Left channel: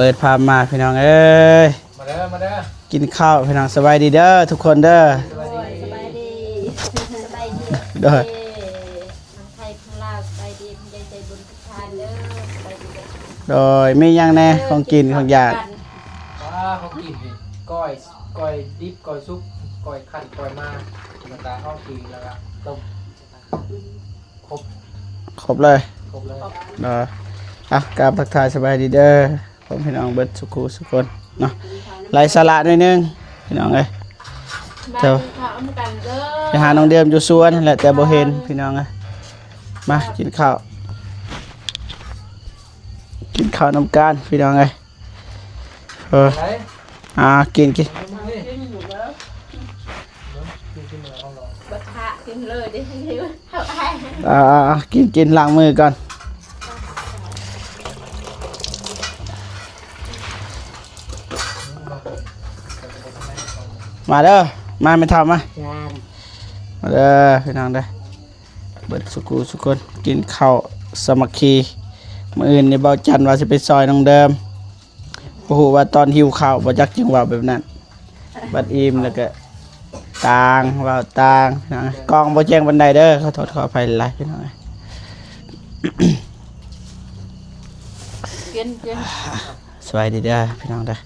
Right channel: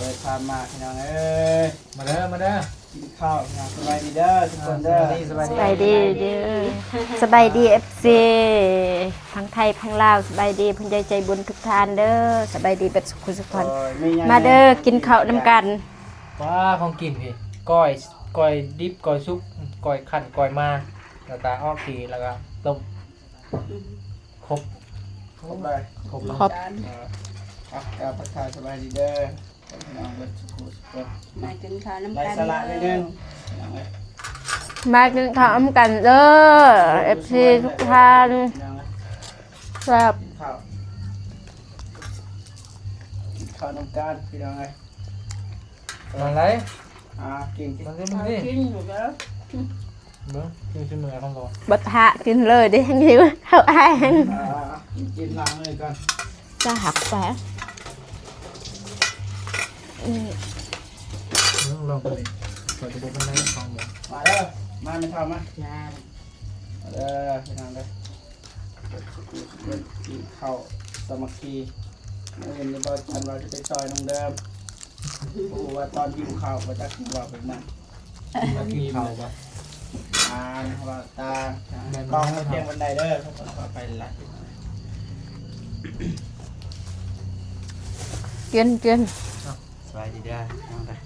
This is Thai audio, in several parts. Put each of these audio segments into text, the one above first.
ปิดภาพมาพี่น้องเอ้ยมาเด้อมาเด้อกินข้าวพี่น้องสบายดีเด้อทุกคนเด้อสบายดีเด้อสบายดีเอฟซีทั้งไทยทั้งลาวสบายดีพุ่นใจบุญทุกท่านเด้อสบายดีแบบสุขสุข โดยไม่ยัง มา แน่ เด้อ ของ กิน กินข ข้า อ ว งอยาก กัน ว้าของกินพี่ก้อยดิบก้อยซุปก้อยขั้นก้อยมาแล้วก็อ้อปีแล้วก็ต้มครบเลย ครบแล้ว ครบ เด้ออ่ะกราบทักทายสบายดีเด้อผมพี่น้องเบิดสุขุสุขคนเนาะไล่สาระหน่อยนึงพี่น้องเอ้ย มากินข้าวกันเด้อ ไปหาน้องเดือนอยู่สวนแหละแต่บ่เห็นพี่น้องเอ้ยมา ครับ กินข้าวกินข้าวน้ำกันพี่น้องเอ้ยอะไรกิน กินอยู่แล้วกินที่มือของเรา บัดหะกินเลยดิทั้งทีว่าเข้าอ้าย กินล้างมือก่อน จะหักแปะ ลองไปเกิดประเด็นอะไรของหมู มาเด้อมาไม่ทำมาเด้อพี่น้องเด้อเบิดสุขุสุขคนกินข้าวสามัคคีมื้ออื่นนี่เบาจันว่าสิไปซอยน้องเดิมโอ้โหว่าตอนหิวข้าวบ่จักจังว่าแบบนั้นบัดอิ่มแล้วก็ต่างว่าต่างนะกล้องบ่แจ้งบันไดเด้อขอโทษขออภัยหลายพี่น้อง กิน สวัสดีเด้อพี่น้องเด้อ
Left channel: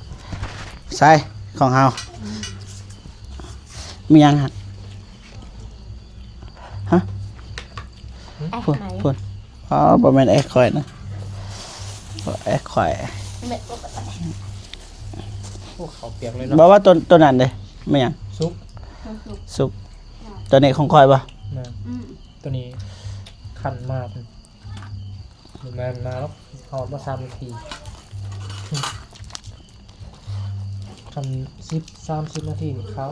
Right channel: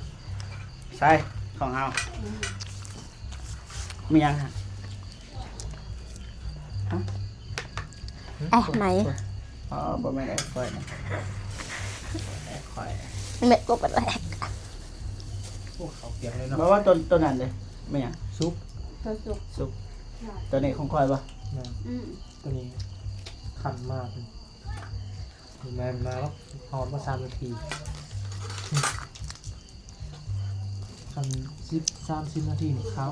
ใส่ของเฮามียังฮะฮะ ไอ้ไหน คุณอ๋อบ่แม่นแอคคอยนะแอคคอย เม็ดก็บัดแหลก พวกเขาเปียกเลยเนาะ บอกว่าตัวนั้นเด้ไม่ยัง ซุป สุกตัวนี้ของคอยปะ นะตัวนี้ขั้นมากดูแมนมาแล้วหอมมา3 นาทีขั้น30 นาทีนี่เขา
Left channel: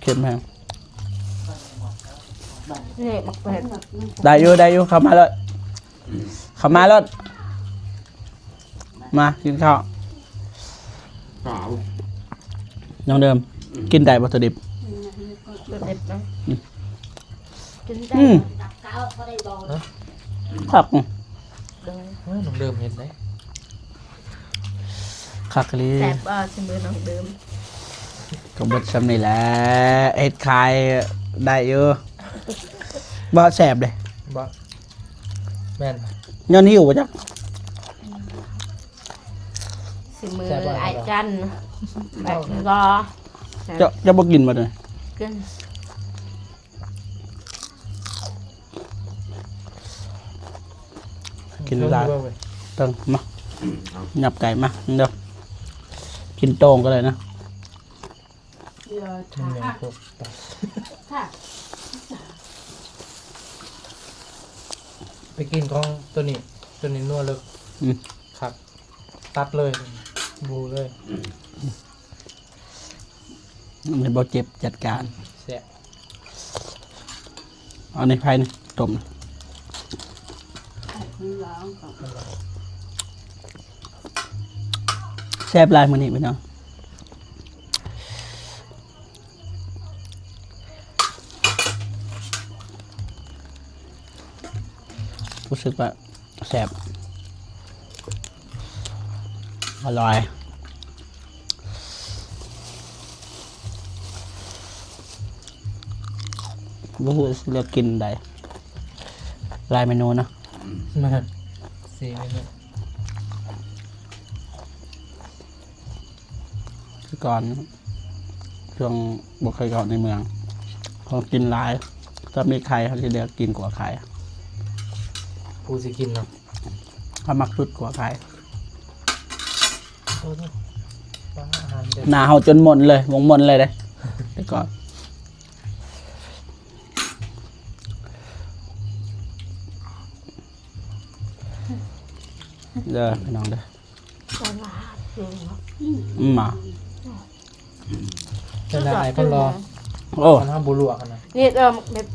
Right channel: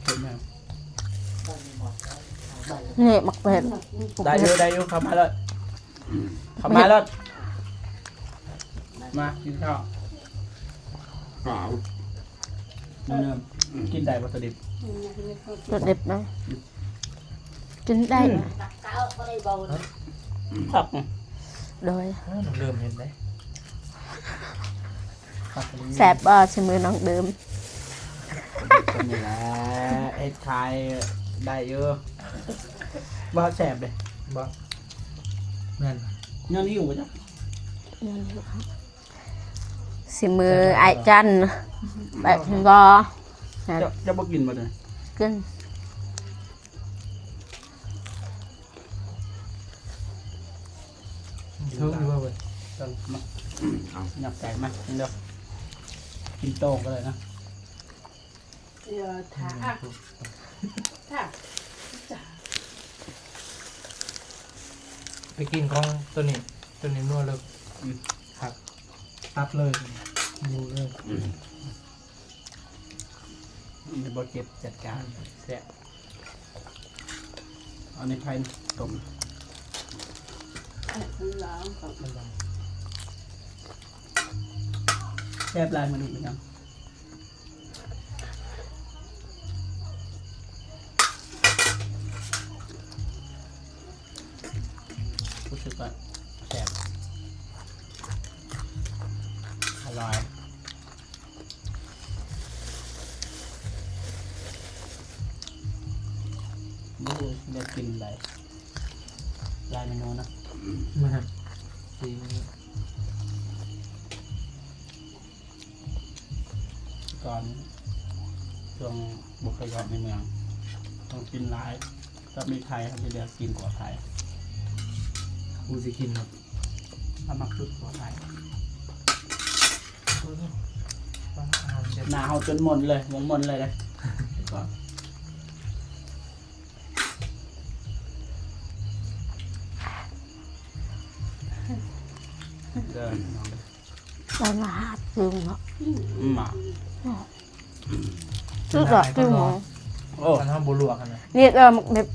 เค็มแฮง นี่บักเป็ด ได้อยู่เข้ามาเลยมากินข้าวน้องเดิมกินได้วัตถุดิบ สุดเด็ดนะกินได้ คัก โดย น้องเดิมเห็นไหม คักลี แสบบ่ใช้มือน้องเดิม ผมเด็กสำนี่แหละเอ็ดคายได้อยู่บ่แสบเลย บ้าแม่น ย้อนหิวปะจ๊ะ สิมือไอ้จันแบบก็ จะบ่กินมาเลย กิน กินได้ต้องมาหยับไก่มาเดี๋ยวกินโต้งก็เลยนะ ไปกินของตัวนี้นัวเลยผักตัดเลยบูเลย ไม่บ่เจ็บจัดการ แซ่บ เอาในไผ่นี่ต้มแซ่บลายมื้อนี้พี่น้องรู้สึกว่าแซ่บอร่อยก็คือเลือกกินได้หลายเมนูเนาะ มา4 เมนู ก่อนช่วงบ่เคยก่อนในเมืองเขากินหลายถ้ามีไข่เขาจะเลือกกินกว่าไข่ กูจะกินเนาะ เขามักสุดกว่าไข่ อาหารเด็ด หนาเฮาจนหมดเลยวงหมดเลยเด้แล้วก็เด้อน้องเด้อ ไปมาหาถึงเนาะ มา เป็นอะไรก็รอ โอ้ มันห้ามบุรุษกันนะ นี่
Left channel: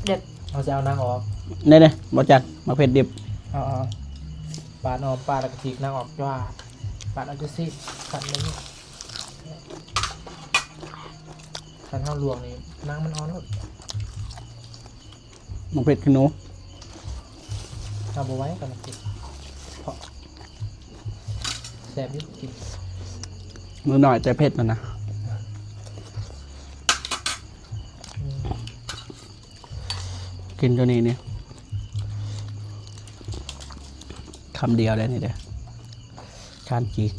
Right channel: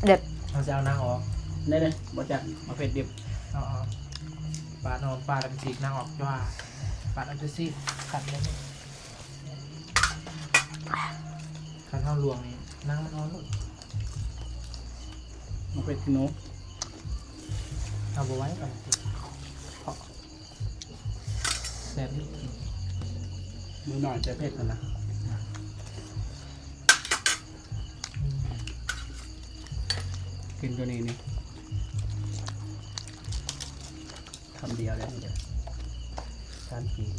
เด็ด เราจะเอานางออก เนี่ยบ่จักมาเผ็ดดิบ เอาปาดออมปาดแล้วก็ฉีกนางออกว่าปาดเอาจะซีขัดเลยขันห้ามลวงนี่นางมันอ่อนแล้ว มาเผ็ดขี้หนู ม เอาบัวไว้กันกินแซ่บนิดกิน มือหน่อยแต่เผ็ดมันนะกินตัวนี้เนี่ยคำเดียวเลยนี่เด้อการจีก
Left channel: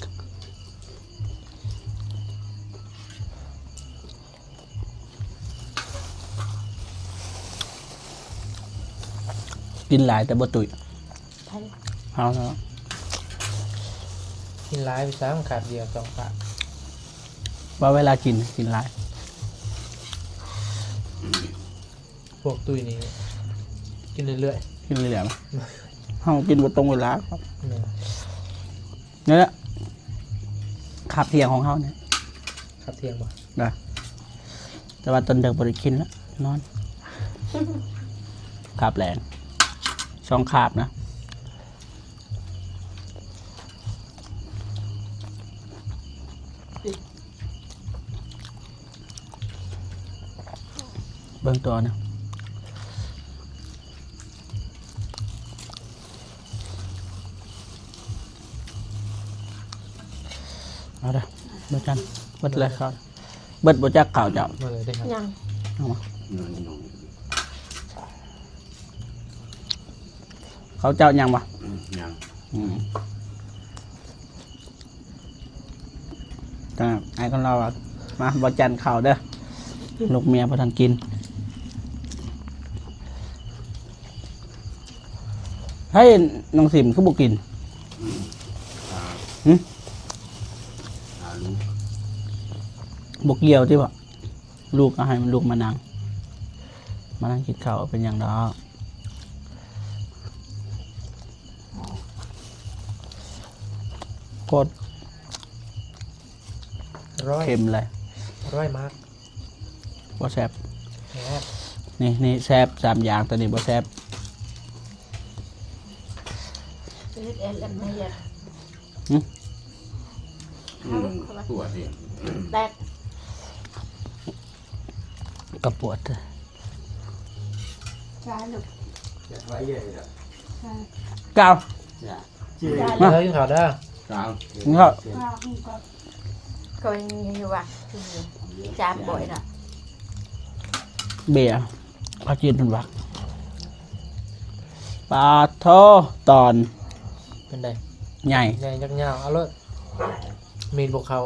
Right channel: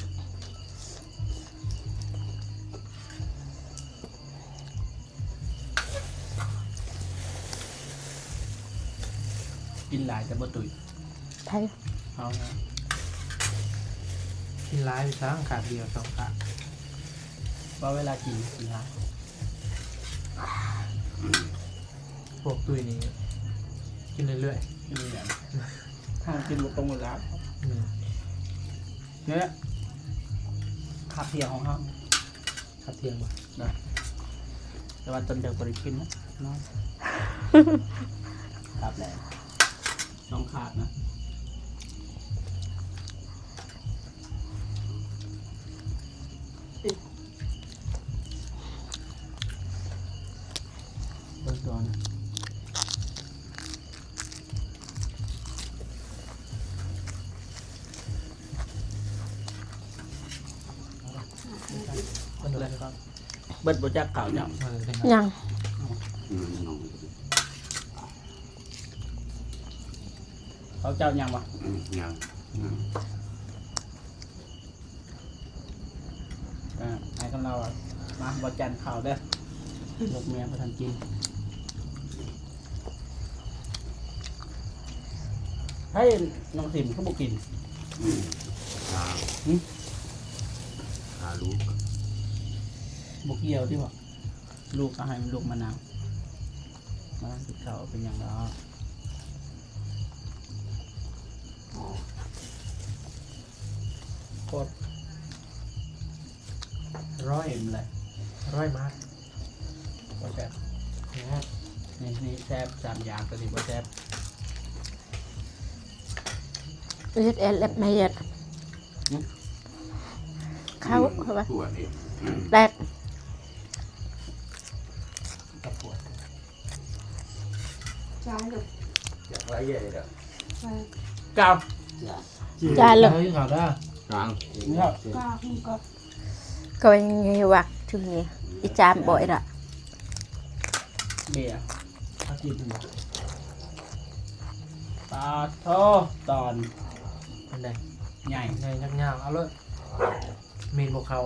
กินหลายแต่บ่ตุย ไทย เอาแล้ว กินร้ายไปซ้ำขาดเดียวสองขาด ว่าเวลากินหลาย พวกตุยนี้กินเรื่อย กินเลยเดี๋ยวเอากินบดตรงเวลาครับ ๆเนี่ย เนี่ยแหละขับเที่ยงของเขาเนี่ย ขับเทียมบ่ นะแต่ว่าตอนเด็กบริกินแล้วนอน ขับแรงช่องขาบนะเบื้องตัวนะเอาละเบิดกันเบิดเลยครับเบิดบจักเก่าเจ้า เมื่อได้ไหม ยัง เอามาเขาเจ้ายังปะ ยัง ก็ไอ้คนเราอะมาบจันเข่าเด้อลูกเมียพอทันกินให้น้องสิมเขาบอกกิน หา หึ หาลูก บกเกี่ยวที่บอกลูกก็ให้มันลูกมานั่งกินข้าวเป็นอย่างดอกโคตร ร้อย เค็มเลย ร้อยมาร์ก บ่แซ่บ แหม นี่แซ่บ3อย่างตัวนี้บ่แซ่บ เล็ดเอ็ดเล็ดไม่เอ็ดเขาว่า ตัวเอง แรก กระปวด อยากไว้ใหญ่เลย เก้า จ้า เลิ ลูก กข่าวได้ กลาง นี่ก็ ก็ยังไงวักถึงอีจามบ่อยละ เบียร์พากินมันวักปลาโทตอน มันได้ ใหญ่ ใหญ่ยักษ์ยาวเอาเลยมีนบกเขา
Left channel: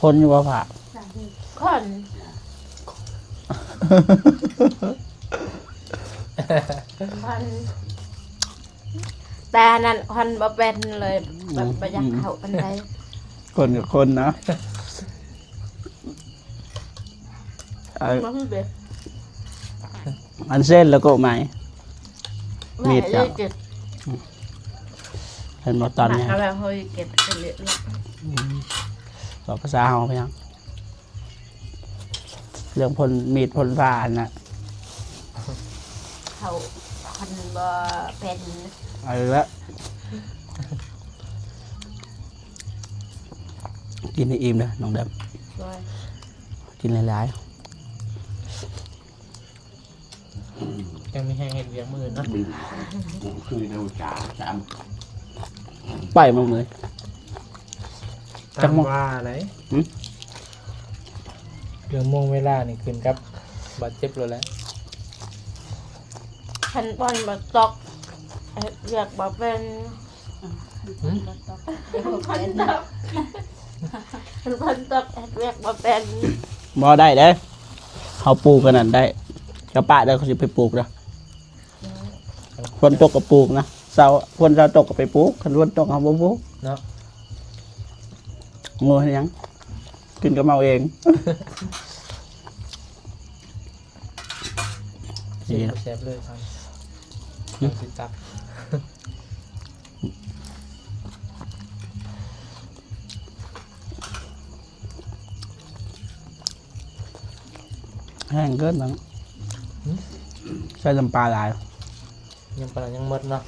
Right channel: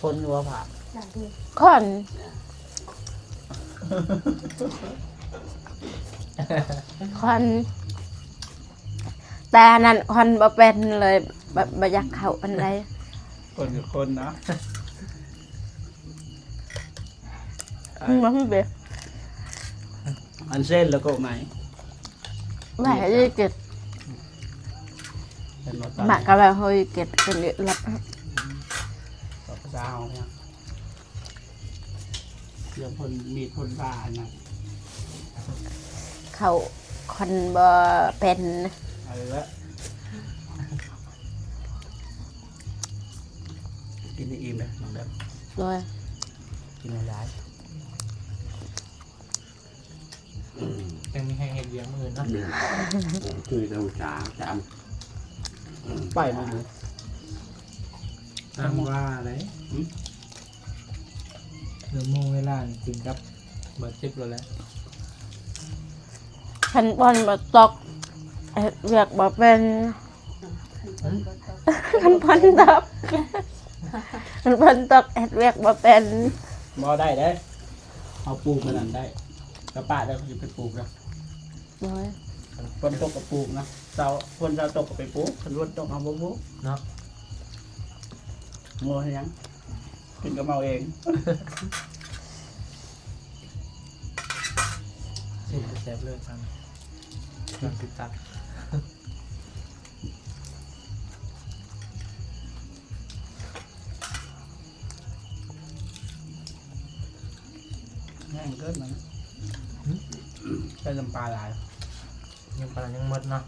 พ้นอยู่ว่าผ่า คอนคอนตานั่นคอนบ่เป็นเลยบ่อยากเข้าอันใด คนกับคนนะอัน มันเบ็ด อันเส้นแล้วก็ไหม ไม่ได้เก็บ เห็นว่าตอน หมัก นี้ อะไรเฮ้ยเก็บเป็นเละลับ บอกภาษาเฮาไปยังเรื่องพลมีดพลฟ้าน่ะ เขาคนบ่เป็น เอาละกินให้อิ่มเลยน้องแดม เลย กินหลาย ยังมีแห้งเห็ดเบียงมือนะ บินคือน้ำจาจาม ๆไปมึงเลย จั จั ง ง หวะ ว่าอะไร หืม เรื่องโมงเวลานี่ขึ้นกับบาดเจ็บเลยแหละ ฉันบอลบ่ตกเรียกบ่เป็นคันพันตกคันพันตกเรียกบ่เป็น บ่ได้เด้อเขาปลูกกันนั่นได้กระปะได้เขาจะไปปลูกนะคนตกกับปลูกนะเสาคนเราตกกับไปปลูกคนคนตกเอาบ่ปลูก เนาะ โง่ให้ยังกินก็เมาเอง เสียบแสบเลยทางติดตับ แห้งเกินมั้งใส่ลำปลาหลาย ยังปลายังหมดเนาะ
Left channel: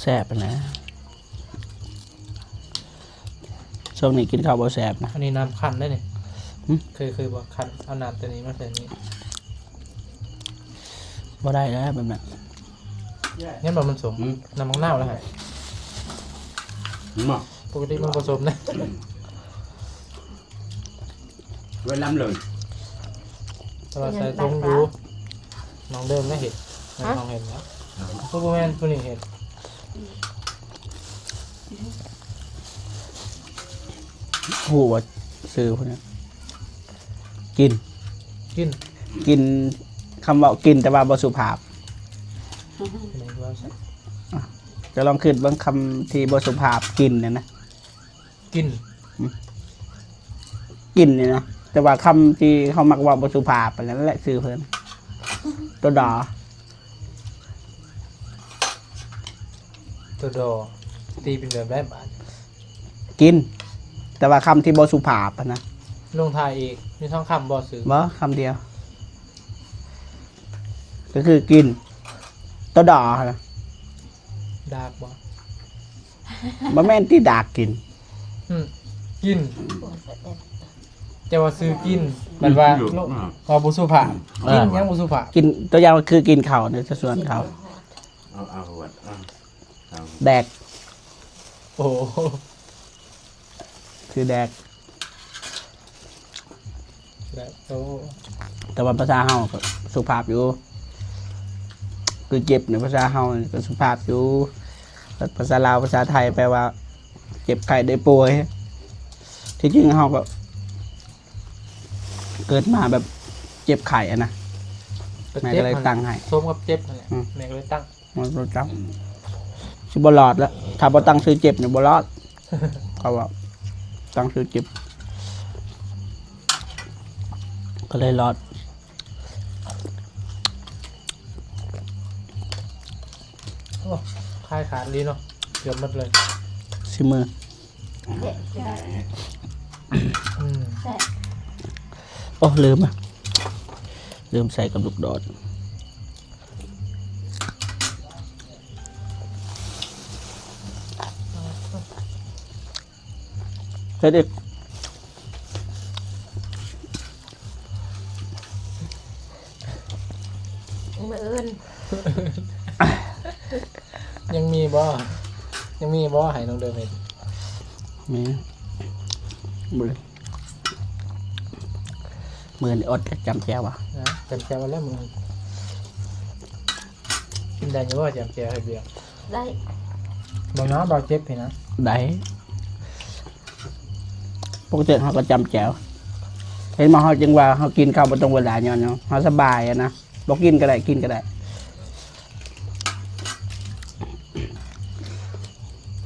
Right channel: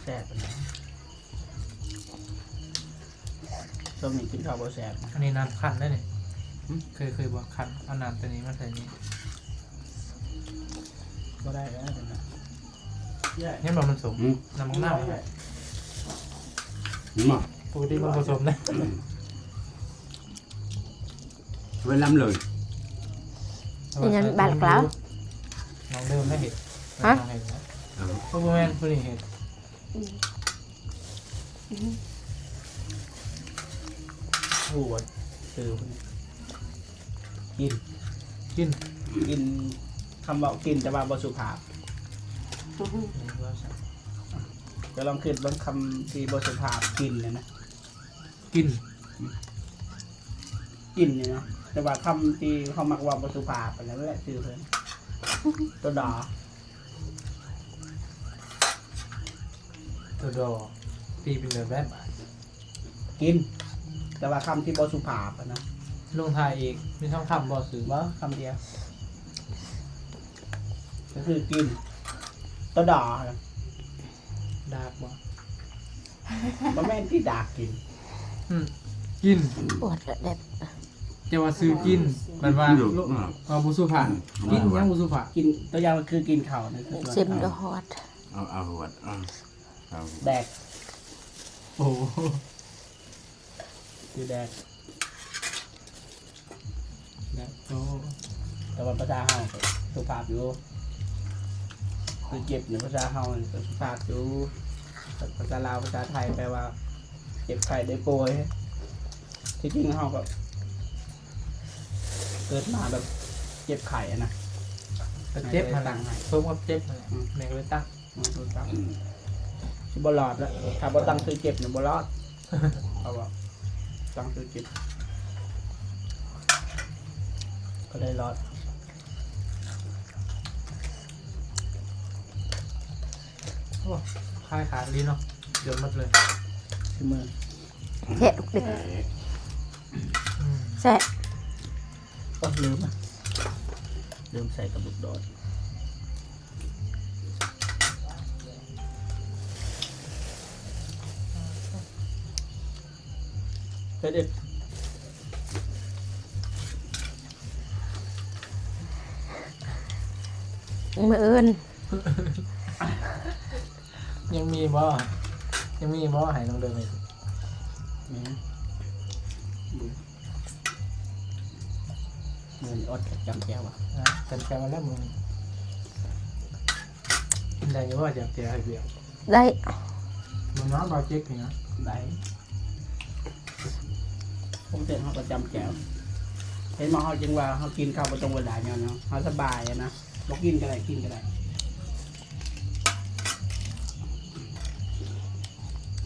แซ่บนะช่วงนี้กินข้าวบ่แซ่บนะ อันนี้น้ำคั้นได้เนี่ย หึ เคยบอกคั้นเอาน้ำตัวนี้มาใส่นี้ บ่ได้แล้วแบบนั้น งั้นบอกมันสมน้ำมังนาวแล้วไง đúng không ปกติมันผสมนะ với lắm lời ยังบาดกล้าว มองเดิมไม่เห็นมองเห็นแล้วพวกแม่พวกนี้เห็น โอ้ว่าซื้อพวกนี้กิน กิน กินคำว่ากินแต่ว่าบ่สุภาพจะลองขึ้นบางคำที่บ่สุภาพกินเนี่ยนะ กิน กินเนี่ยนะแต่ว่าคำที่เขามักว่าบ่สุภาพอันนั้นแหละซื้อเพิ่นตัวดอ ตัวดอตีเป็นแบบแบบบาท กิน แต่ว่าคำที่บ่สุภาพอะนะ ลงทายอีกมีท้องคำบอสื่อ บ่คำเดียว ก็คือกินตัวดอนะ ดากบอ บ่แม่นที่ดากกิน กิน ปวดแบบ จะว่าซื้อกินมันว่า được พอบุสุภาพกินยังบุสุภาพ กินตัวอย่างคือกินข้าวในส่วน สิบ ข้าว ละฮอด vật แดก โอ้โห คือแดก แบบโต แต่ว่าภาษาเฮาก็สุภาพอยู่คือเจ็บในภาษาเฮานี่ก็สุภาพอยู่แต่ภาษาลาวภาษาไทยแปลว่า เจ็บไข้ได้ป่วยที่จริงเฮาก็เกิดมาแบบเจ็บไข้อะนะแม่ก็เลยตั้งให้ ส้มกับเจ็บนั่นแหละแม่ก็เลยตั้ง มันรู้จักสิบ่รอดแล้วถ้าบ่ตั้งชื่อเจ็บเนี่ยบ่รอดเขาว่าตั้งชื่อเจ็บก็เลยรอด คลายขาดลีเนาะเดี๋ยวหมดเลย ชิมือ แค่ดึกแซ่ โอ้ลืมอ่ะลืมใส่กับลูกโดดใส่ดิ มืออื่น ยังมีบ่ยังมีบ่ให้น้องเดิมเห็น มีมือนี่อดจำแจ้วอ่ะ เจ็บแก้วแล้วมึงกินได้อยู่ว่าเจ็บแก้วให้เบียร์ ได้ บ่เนาะบ่เจ็บเห็นนะ ได้ปกติเขาก็จำแจ้วเห็นมาเขาจึงว่าเขากินข้าวบนตรงเวลาย้อนเนาะเขาสบายอะนะบอกกินก็ได้กินก็ได้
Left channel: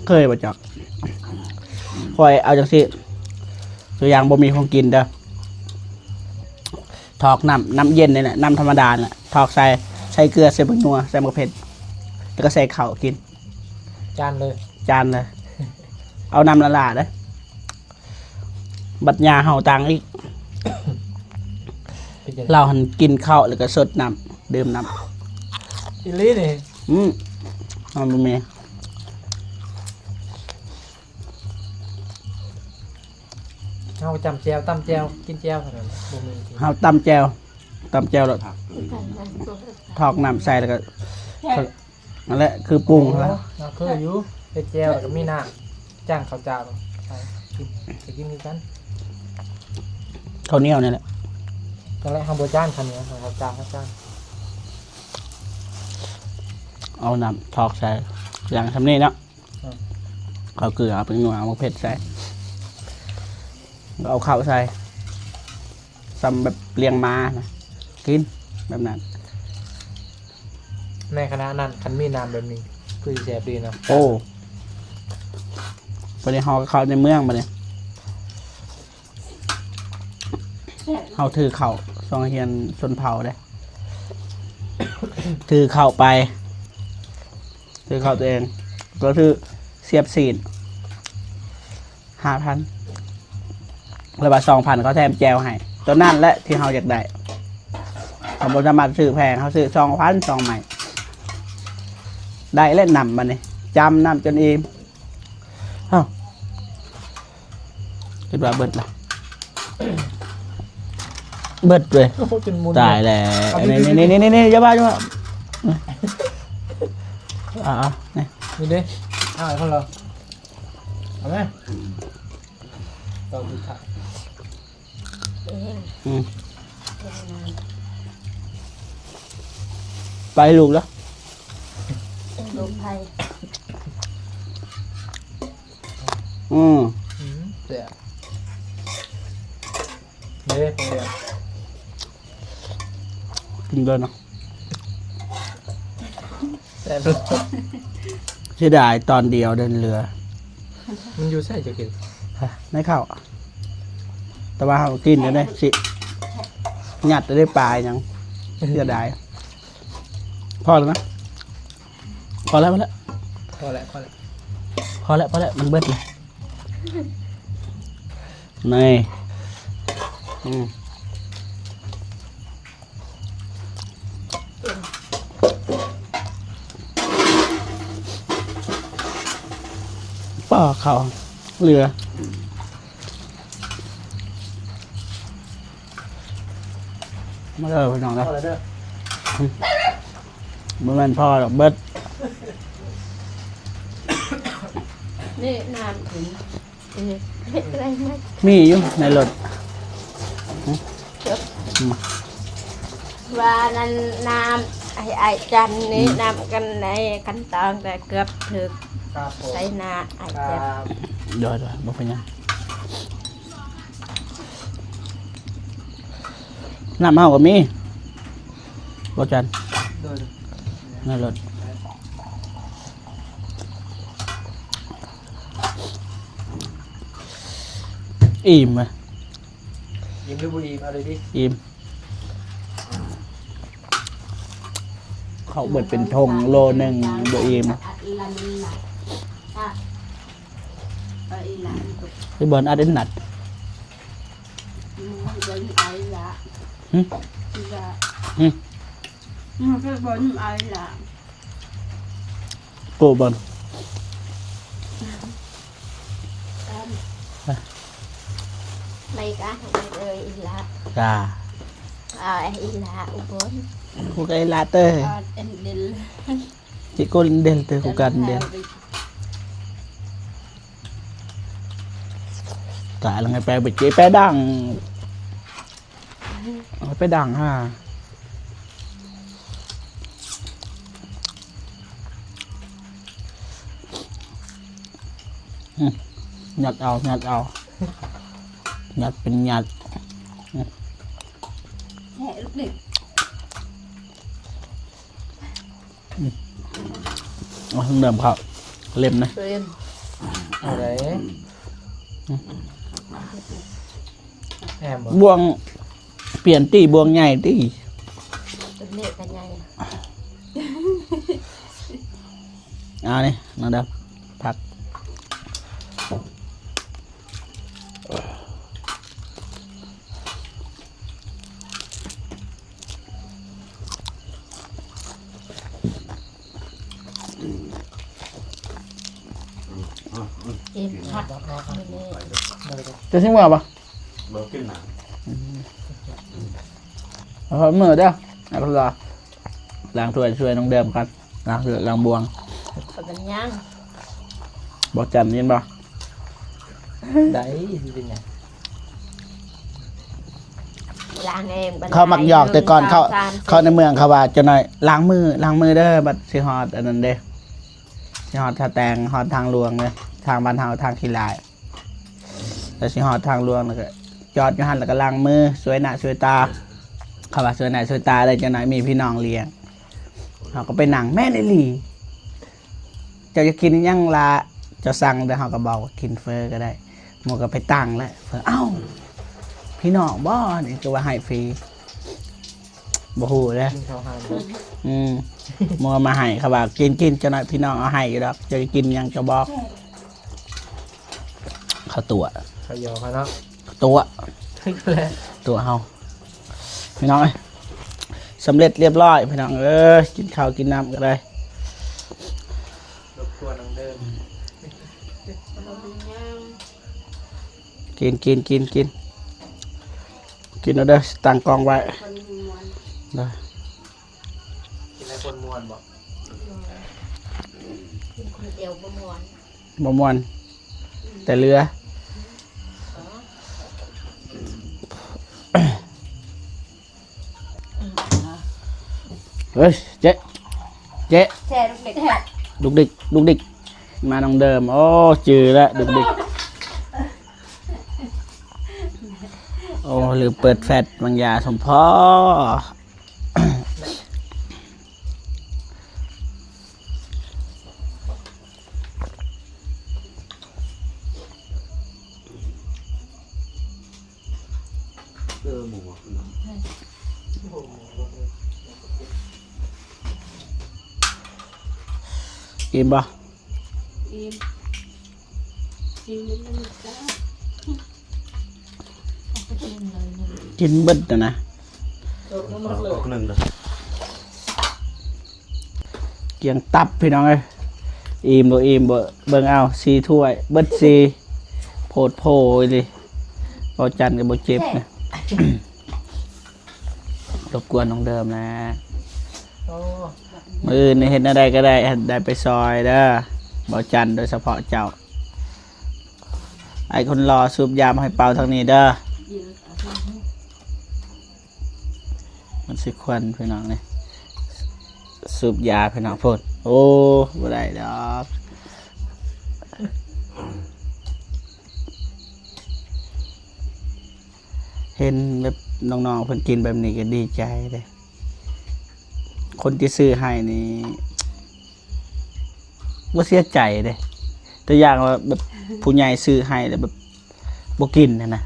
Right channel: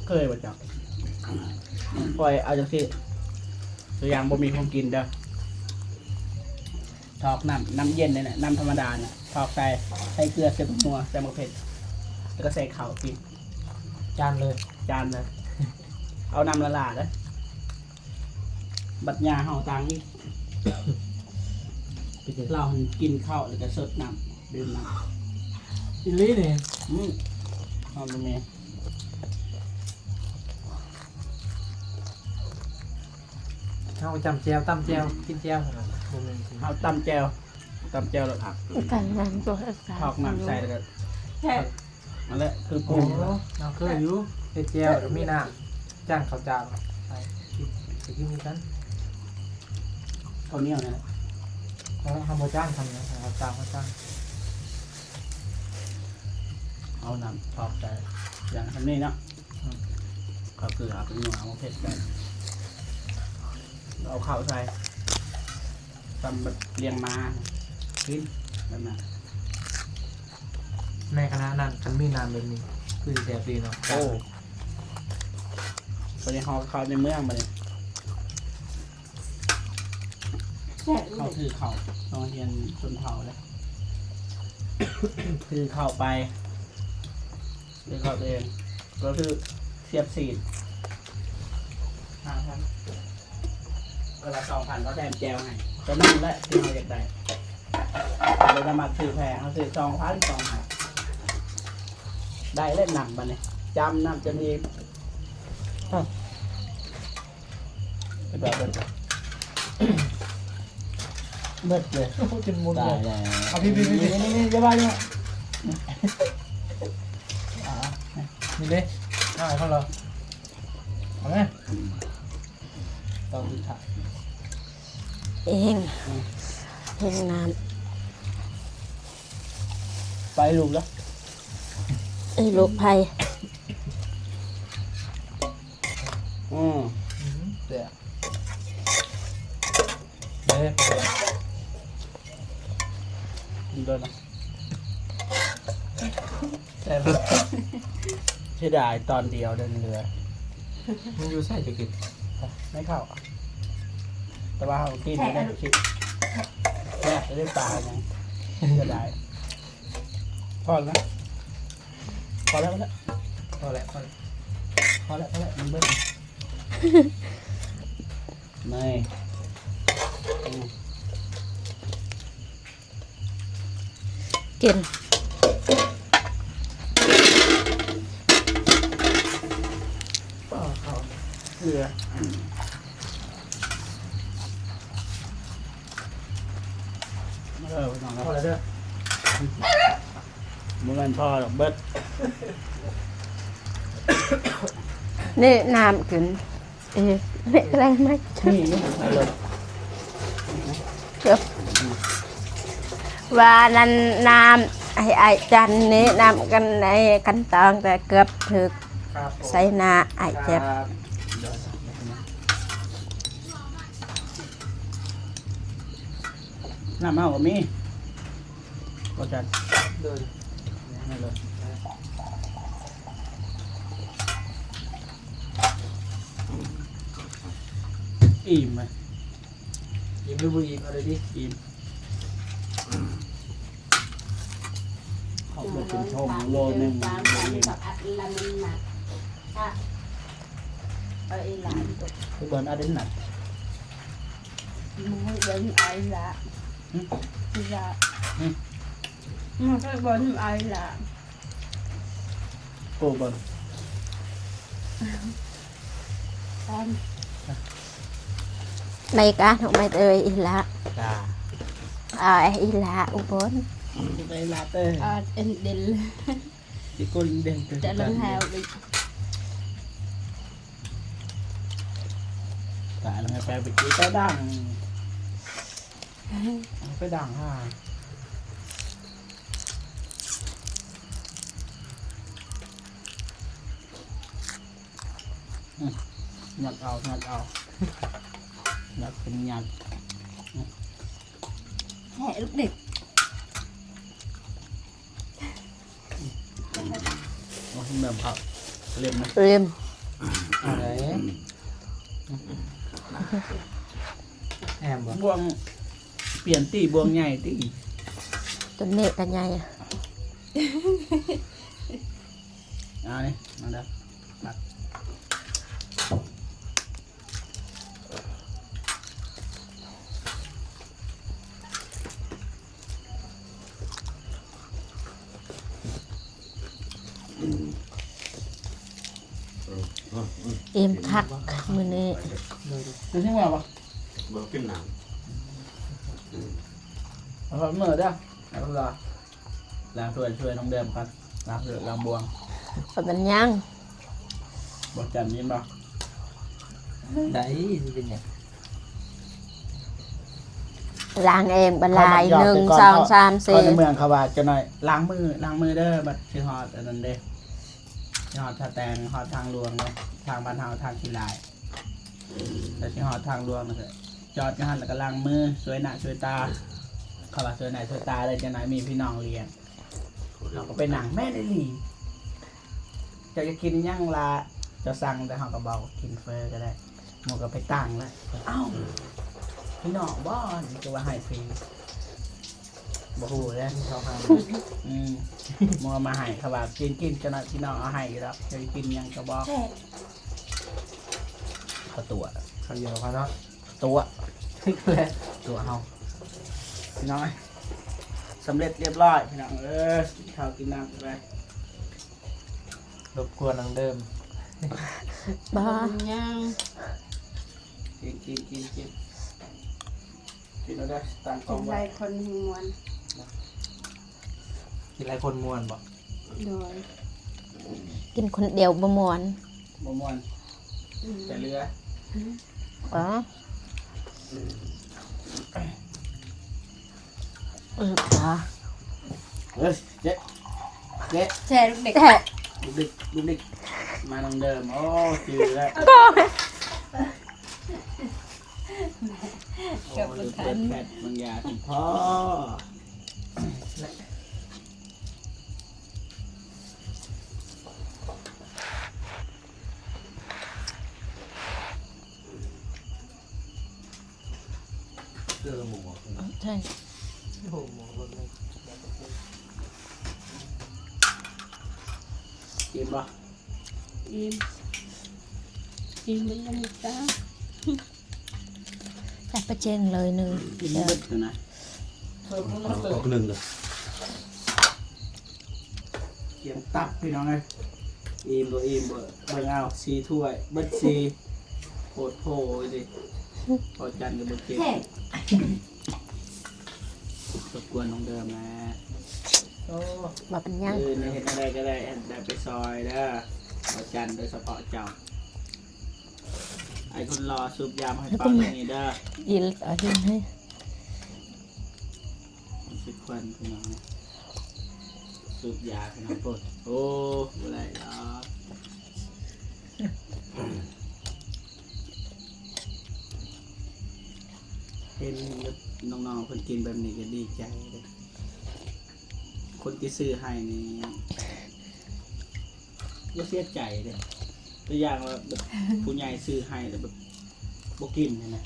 เคยบ่จักคอยเอาจังสิตัวอย่างบ่มีของกินเด้อทอกน้ำเย็นนี่แหละน้ำธรรมดาเนี่ยทอกใส่เกลือใส่ผงนัวใส่มะเขือเผ็ดแล้วก็ใส่ข้าวกิน จานเลย จานเลยเอาน้ำละลาเด้อบัดยาเฮาตังอีก เป็นจัง เราหันกินข้าวแล้วก็สดน้ำดื่มน้ำ อีลี่นี่ เอาไปเม เฮาจำแจวตำแจวกินแจวเท่านั้นบ่มีจริง เฮาตำแจวแล้ว กันงานตัว ทอกน้ำใส่แล้วก็นั่นแหละคือปรุงแล้ว เราเคยอยู่เฮ็ดแจวแล้วก็มีน้ำจ้างข้าวเจ้าใส่กินมีกัน ข้าวเหนียวนี่แหละ ตอนแรกข้าวบัวจ้างคันนี้ข้าวเจ้าข้าวจ้าง เอาน้ำทอกใส่อย่างทำนี่เนาะเอาเกลือเอาไปหนัวเอามะเผ็ดใส่แล้วเอาข้าวใส่ซ้ำแบบเลี้ยงม้านะกินแบบนั้น ในคณะนั้นคันมีน้ำแบบนี้คือแซ่บดีเนาะ โอ้ไปในฮอเขาในเมืองมาเนี่ยเขาถือเข่าซองเฮียนชนเผ่าได้ ถือเข่าไป ถือเข่าตัวเอง ก็คือเสียบซีน5,000แล้วบาท2,000เขาแถมแจวให้ตัวนั่นแหละที่เขาอยากได้ผมสามารถซื้อแพงเขาซื้อ2,000 2ใหม่ ได้เล่นนำมาเนี่ยจำนำจนอิ่มเอ้าคิดว่าเบิดละ เบิดเลย โอ้โหจนมุน ตายแล้วนี่อย่าบ้า นี่ นี่ดิคนเราเอาไหมเราดูถ่าย เอง อืม เองน้ ไปลูกแล้ว ำไอ้ลูกไผ่ เดี๋ยวเดี๋ยว กินเลยเนาะ แต่ เสียดายตอนเดียวเดินเรือ มันอยู่ใส่จะกิน ไม่เข้าแต่ว่าเขากินอยู่ได้สิงัดจะได้ปลายยังเสียดายพอแล้วนะพอแล้วพอแล้ว พอแล้วพอแล้ว พอแล้วพอแล้วมันเบิดเลยนี่อืม กิน ป้อเขาเรือมาเด้อพี่น้อง พ นะ อแล้วเด้อ มันเป็นพ่อดอกเบิด นี่น้ำกินไม่แรงไหม มีอยู่ในรถ เดี๋ยวว่านั้นน้ำไอ้จันนี้น้ำกันในกันตองแต่เกือบถึก ครับผม ใส่หน้าไอ้เจ็บ เดี๋ยวบอกไปยังน้ำเมาก็มีบอจัน เดิน ในรถอิ่มไหม ยิ้มด้วยบุรีเอาเลยดิ อิ่มเขาเบิดเป็นทงโลหนึ่งบอิ่มพี่บอลอาเดนนัดโกบอล ในการของไม่เอ่ยอีละ จ้า อีละอุบล พวกไอ้ลาเตอร์ที่ก้นเดลเตอร์กูกันเดลตายแล้วไงไปเจ๊ไปดังไปดังฮะหยัดเอาหยัดเอาหยัดเป็นหยัด แค่ลูกเด็ก เอาเดิมครับเล็มนะ เรียม อะไรแอมบอก บวงเปลี่ยนตีบวงใหญ่ตี ตัวเมฆกันใหญ่ เอานี่น้องดำผักอิ่มคักมือนี้ จะทิ้งมือปะ เบิกขึ้นหนัง เอาพอมือเด้อเอาพอล้างถ้วยช่วยน้องเดิมกันล้างเสือล้างบวง ขมันยัง บอกจันยินปะ ได้เป็นไง ล้างเองบรร เขา ลั บัก ย หยอกแต่ก่อนเขา 1 2 3 เขาในเมืองเขาว่าจะหน่อยล้างมือเด้อบัดสิฮอดอันนั้นเด้สิฮอดท่าแตงฮอดทางหลวงเลยทางบ้านเฮาทางขี้ลายแต่สิฮอดทางหลวงแล้วก็จอดอยู่หันแล้วก็ล้างมือสวยหน้าสวยตาเขาว่าสวยหน้าสวยตาเลยจะหน่อยมีพี่น้องเลี้ยงเขาก็ไปนั่งแม่เลยหลีเจ้าจะกินอิหยังละเจ้าสั่งเดี๋ยวเขาก็บอกว่ากินเฟอก็ได้หมูก็ไปตั้งแล้วเฟอเอ้าพี่น้องบ่นี่ก็ว่าให้ฟรีบ่ฮู้เลย กินข้าวหา มัวมาให้เขาบอกกินจะหน่อยพี่น้องเอาให้อยู่ดอกจะกินหยังจะบอกเขาตัว ข้าวยอเขาเนาะ ตัว แล้ว ตัวเฮาพี่น้องเอ้ยสำเร็จเรียบร้อยพี่น้องกินข้าวกินน้ำก็ได้ รบกวนนังเดิม บ่ กินเอาเด้อตั้งกล้องไว้ได้ กินหลายคนม่วนบ่ กินคนเดียวบ่ม่วน บ่ม่วนแต่เรือ อ๋ออ๋อ เฮ้ยเจ๊เจ๊ แช่ลูกเด็ก ลูกดิกมาน้องเดิมโอ้จือแล้วลูกดิกโอ้หรือเปิดแฟลชบางยาสมพ่อ ใช่ โอ้โห กินบ่ แต่ประเจงเลยหนึ่ง กินเบิดนะ หนึ่งเลย เกียงตับพี่น้องเอ้ยอิ่มบ่อิ่มบ่เบิ่งเอา4ถ้วยเบิด4โพดโพเลยพอจันก็บ่เจ็บนะ รบกวนน้องเดิมนะ โอ้ มาเป็นยัง มือในเห็นอะไรก็ได้ได้ไปซอยเด้อบ่จันโดยเฉพาะเจ้าไอ้คนรอสูบยามาให้เป่าทางนี้เด้อ ยีนเอาที่ให้ มันสิควันพี่น้องนี่สูบยาพี่น้องพูดโอ้บ่ได้ดอกเห็นแบบน้องๆเพิ่นกินแบบนี้ก็ดีใจเลยคนที่ซื้อให้นี่บ่เสียใจเด้ตัวอย่างว่าแบบผู้ใหญ่ซื้อให้แต่แบบบ่กินนะ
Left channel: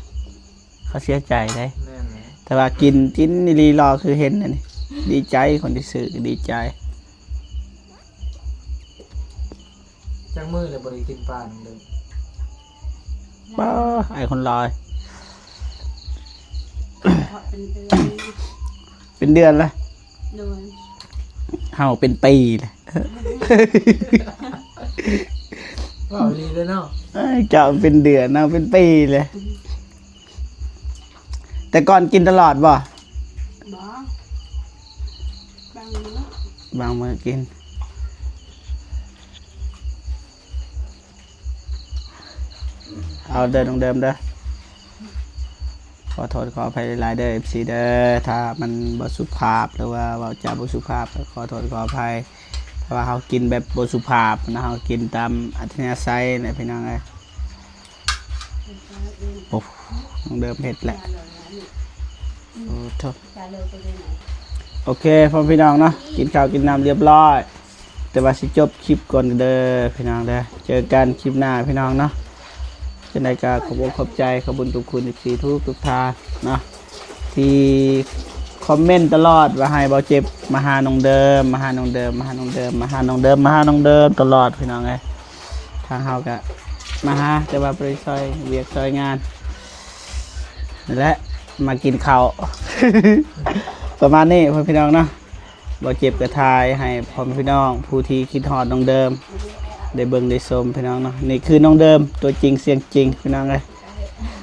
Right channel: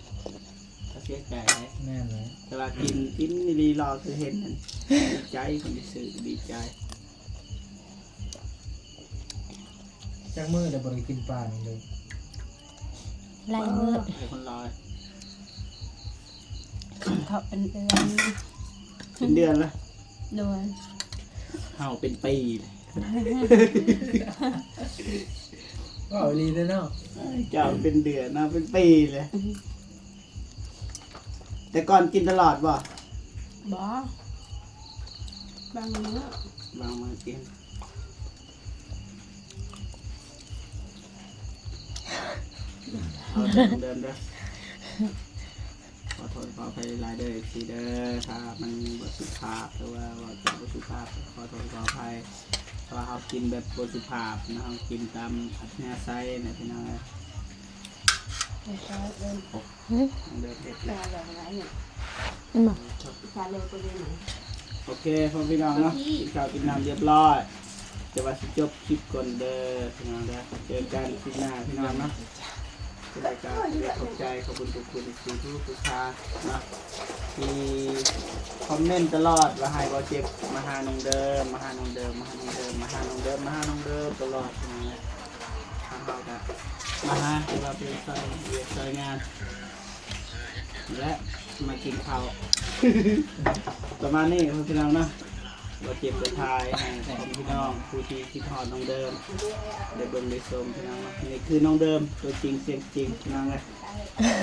เขาเสียใจเด้ แม่นไหม แต่ว่ากินนี่รีรอคือเห็นนะนี่ ดีใจคนที่ซื้อก็ดีใจ จังมือเลยบ่ได้กินปลาเลย ป้าไอ้คนรอย เขาเป็นเดือน เป็นเดือนละ โดน เฮาเป็นปีเลย ก็เอาดีเลยเนาะ เอ้ยเจ้าเป็นเดือนเอาเป็นปีเลย แต่ก่อนกินตลอดบ่ บ่บางมื้อบ างมื้อกิน เอาเดินตรงเดิมเด้อ ขอโทษขออภัยหลายๆเด้อ FC เด้อ ถ้ามันบ่สุภาพหรือว่าเว้าจาบ่สุภาพก็ขอโทษขออภัยถ้าว่าเฮากินแบบบ่สุภาพนะเฮากินตามอัธยาศัยนะพี่น้องเอ้ยโอ้ต้องเดิมเผ็ดแหละโอ้โถโอเคพ่อพี่น้องเนาะกินข้าวกินน้ำเรียบร้อย แต่ว่าสิจบคลิปก่อนเด้อพี่น้องเด้อเจอกันคลิปหน้าพี่น้องเนาะเป็นรายการขอบอกขอบใจขอบคุญทุกคุณอีกทีทุกทางเนาะที่คอมเมนต์ตลอดว่าให้เบาเจ็บมาหาน้องเดิมมาหาน้องเดิมมาหาน้องเดิมมาหาน้องเดิมมาหาน้องเดิมตลอดพี่น้องเอ้ยทางเฮาก็มาหาแต่ว่าไปซอยเวียกซอยงานนั่นแหละมากินข้าว ประมาณนี้พ่อพี่น้องเนาะเบาเจ็บกระทายให้พ่อพี่น้องผู้ที่คิดฮอดน้องเดิมได้เบิ่งได้ชมพี่น้องเนาะนี่คือน้องเดิมตัวจริงเสียงจริงพี่น้องเลย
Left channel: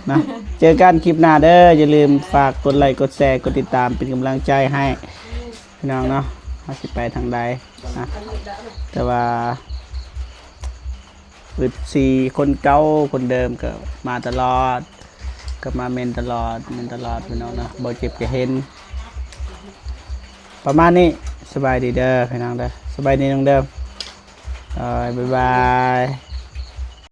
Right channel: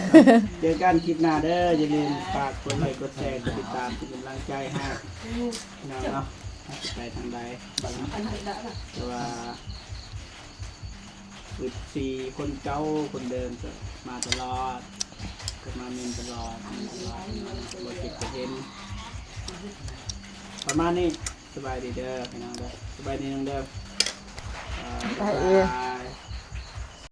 นะ เจอกันคลิปหน้าเด้ออย่าลืมฝากกดไลค์กดแชร์กดติดตามเป็นกำลังใจให้พี่น้องเนาะว่าสิไปทางใดนะแต่ว่า14คนเก่าคนเดิมก็มาตลอดก็มาเมนตลอดพี่น้องเนาะบ่เจ็บจะเห็น ประมาณนี้สบายดีเด้อพี่น้องเด้อสบายดีน้องเดิมบ๊ายบาย